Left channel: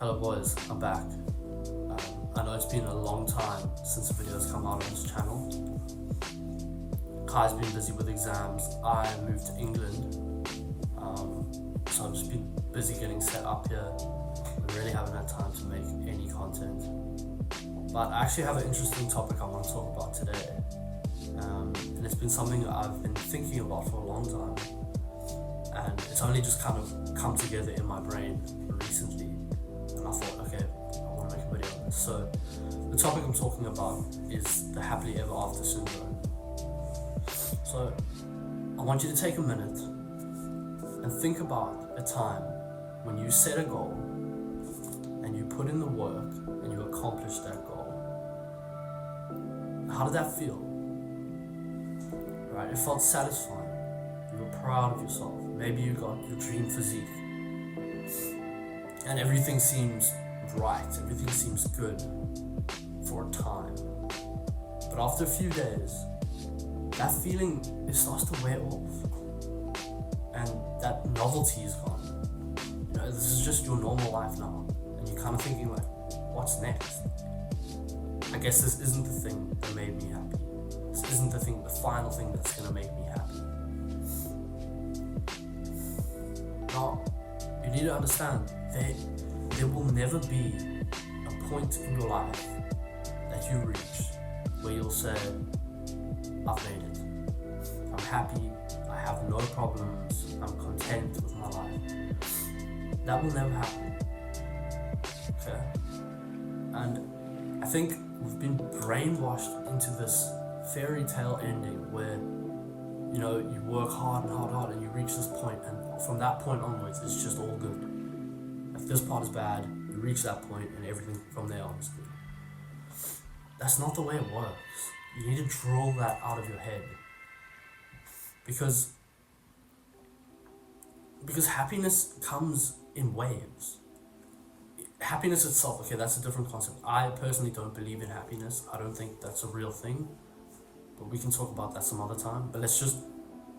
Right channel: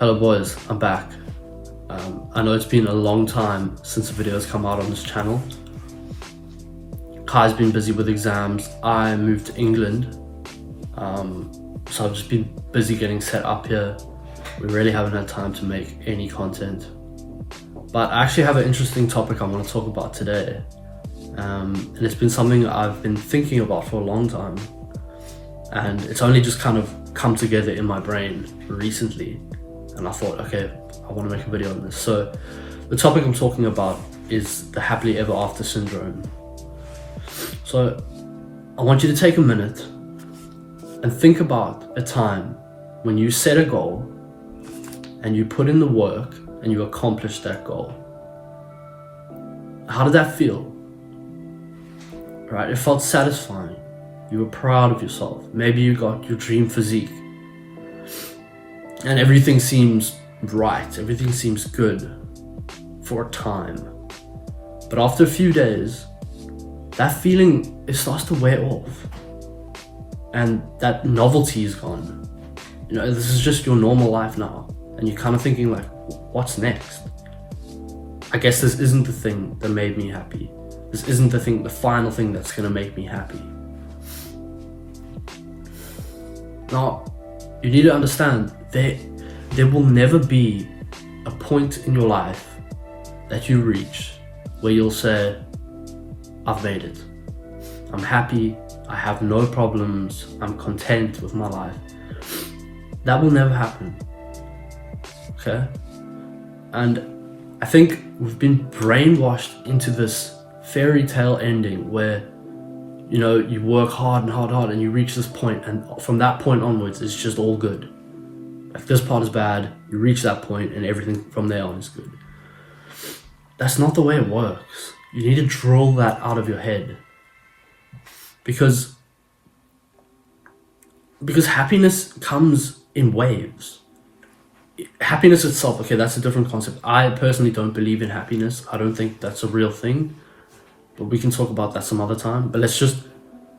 Hello boys, I'm back. I know it's been a long time since a video has come out on this channel. Kai's been busy with exams. I moved to England, so I've just been busy getting set up here. We really haven't had time to make any content. But I actually have an interesting topic I want to talk about today. And it's been something I've been thinking about for a long time. And it's only just kind of come together in my brain recently. And I thought, okay, I want to make a video on this. So the topic I'm talking about is the happily ever after syndrome. So I want you to take a minute and think about a time when you set a goal and you put in the work and you accomplished that goal. How did that feel? Right? It felt satisfying. You were proud of yourself. Maybe you got your dream physique. And everything seems right, everything seems good for a time. But after a few days, that feeling, it starts to wear off. And that novelty is gone. You know, this is just your normal life now. And you're kind of thinking like, what's next? I guess this isn't the thing that made me happy. This isn't the final thing that's gonna make me happy. Now, you need to understand there will never be a point in your life that you reach where you'll say, I've made it. I'm happy, I have no problems, I'm content with my life. That will never happen. Okay? And I think we've been brainwashed into this fairy tale ending where, you know, you work hard and you reach this point, and from that point onwards it's just all good. If this part is bad, you reach that point and everything from there on is good. That's not the way it works. You need to drill that out of your head. Because happiness comes in waves. Happiness itself, okay, that's a different concept. I personally don't believe in happiness. I don't think that's a real thing. But we can talk about that some other time. But let's just,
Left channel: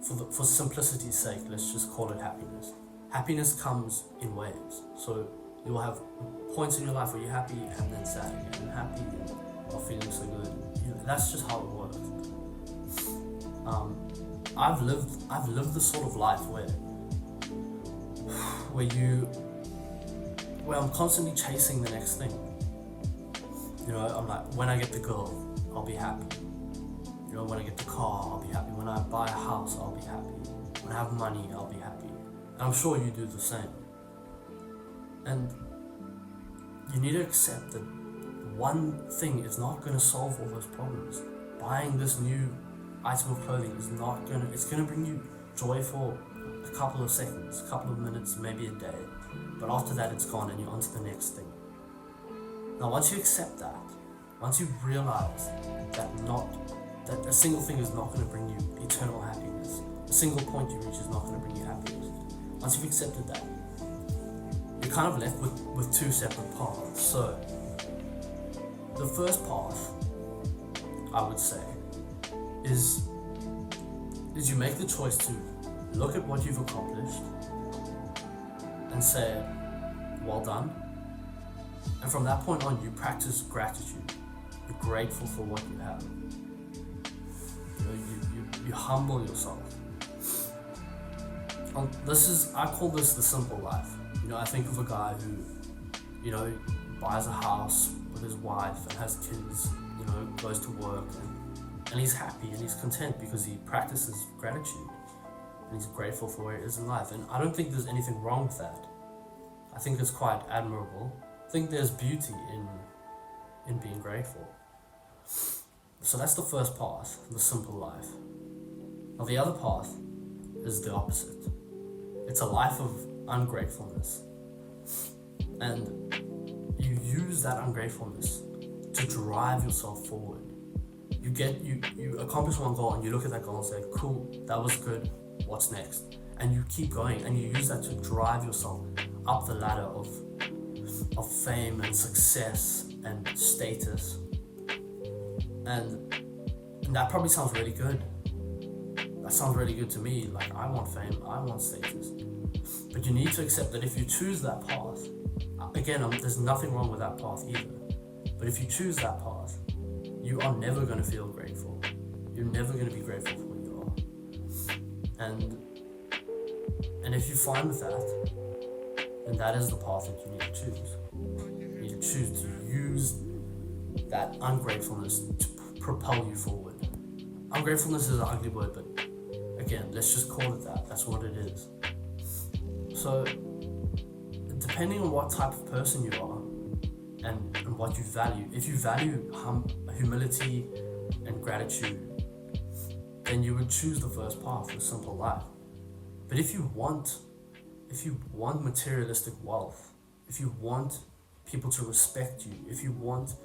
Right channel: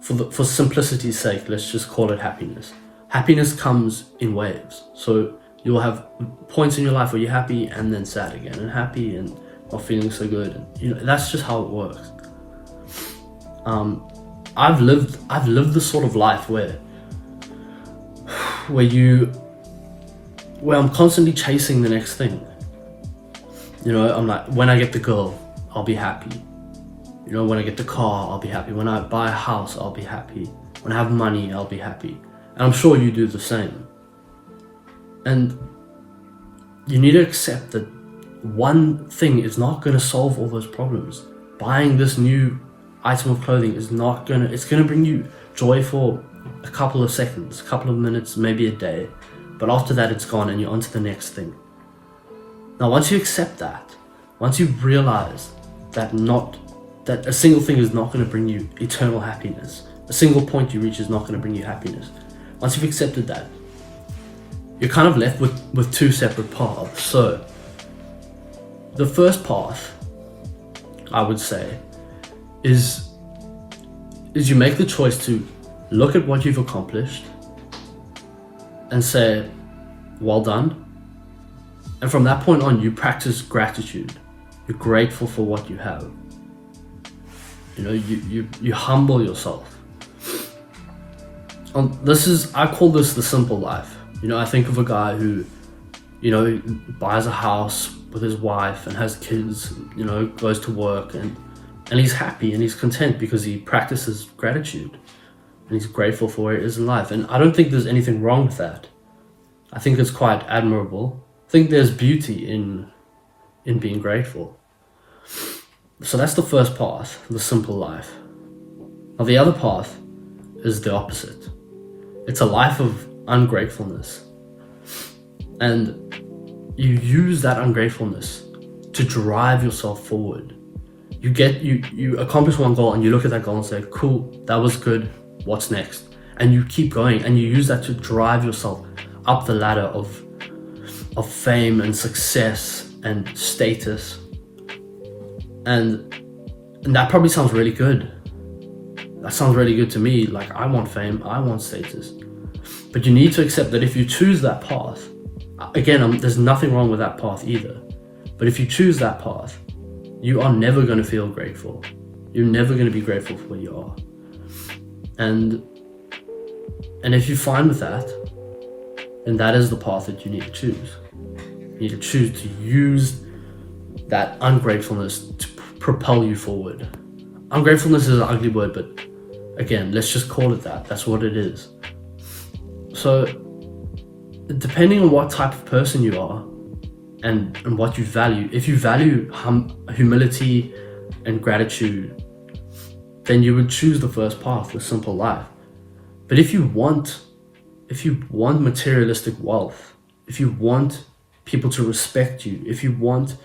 for simplicity's sake, let's just call it happiness. Happiness comes in waves. So you'll have points in your life where you're happy and then sad again, and happy and not feeling so good. And, you know, that's just how it works. I've lived this sort of life where I'm constantly chasing the next thing. You know, I'm like, when I get the girl, I'll be happy. You know, when I get the car, I'll be happy. When I buy a house, I'll be happy. When I have money, I'll be happy. And I'm sure you do the same. And you need to accept that one thing is not going to solve all those problems. Buying this new item of clothing is not going to, it's going to bring you joy for a couple of seconds, a couple of minutes, maybe a day. But after that, it's gone and you're on to the next thing. Now, once you accept that, once you realize that a single thing is not going to bring you eternal happiness, a single point you reach is not going to bring you happiness. Once you've accepted that, you're kind of left with two separate paths. So the first path, I would say, is you make the choice to look at what you've accomplished and say, well done. And from that point on, you practice gratitude. You're grateful for what you have. You know, you humble yourself. I call this the simple life. You know, I think of a guy who, you know, buys a house with his wife and has kids, you know, goes to work and he's happy and he's content because he practices gratitude and he's grateful for where he is in life. And I don't think there's anything wrong with that. I think it's quite admirable. I think there's beauty in being grateful. So that's the first path, the simple life. Now the other path is the opposite. It's a life of ungratefulness. And you use that ungratefulness to drive yourself forward. You accomplish one goal and you look at that goal and say, cool, that was good, what's next? And you keep going and you use that to drive yourself up the ladder of fame and success and status. And that probably sounds really good. That sounds really good to me. Like, I want fame, I want status. But you need to accept that if you choose that path, again, there's nothing wrong with that path either. But if you choose that path, you are never going to feel grateful. You're never going to be grateful for where you are. And if you're fine with that, then that is the path that you need to choose. You need to choose to use that ungratefulness to propel you forward. Ungratefulness is an ugly word, but again, let's just call it that. That's what it is. So, depending on what type of person you are and what you value, if you value humility and gratitude, then you would choose the first path, the simple life. But if you want materialistic wealth, if you want people to respect you, if you want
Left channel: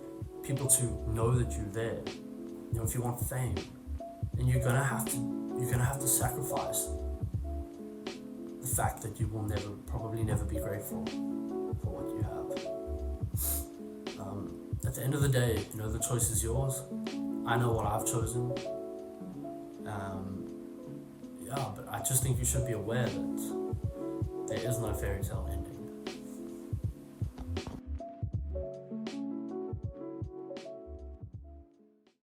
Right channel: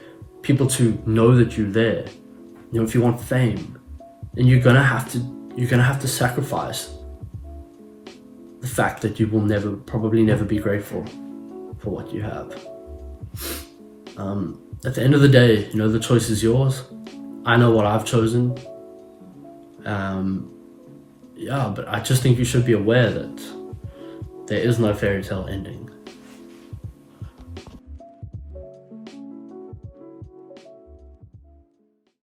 people to know that you're there, if you want fame, then you're gonna have to sacrifice the fact that you will probably never be grateful for what you have. At the end of the day, the choice is yours. I know what I've chosen. But I just think you should be aware that there is no fairy tale ending.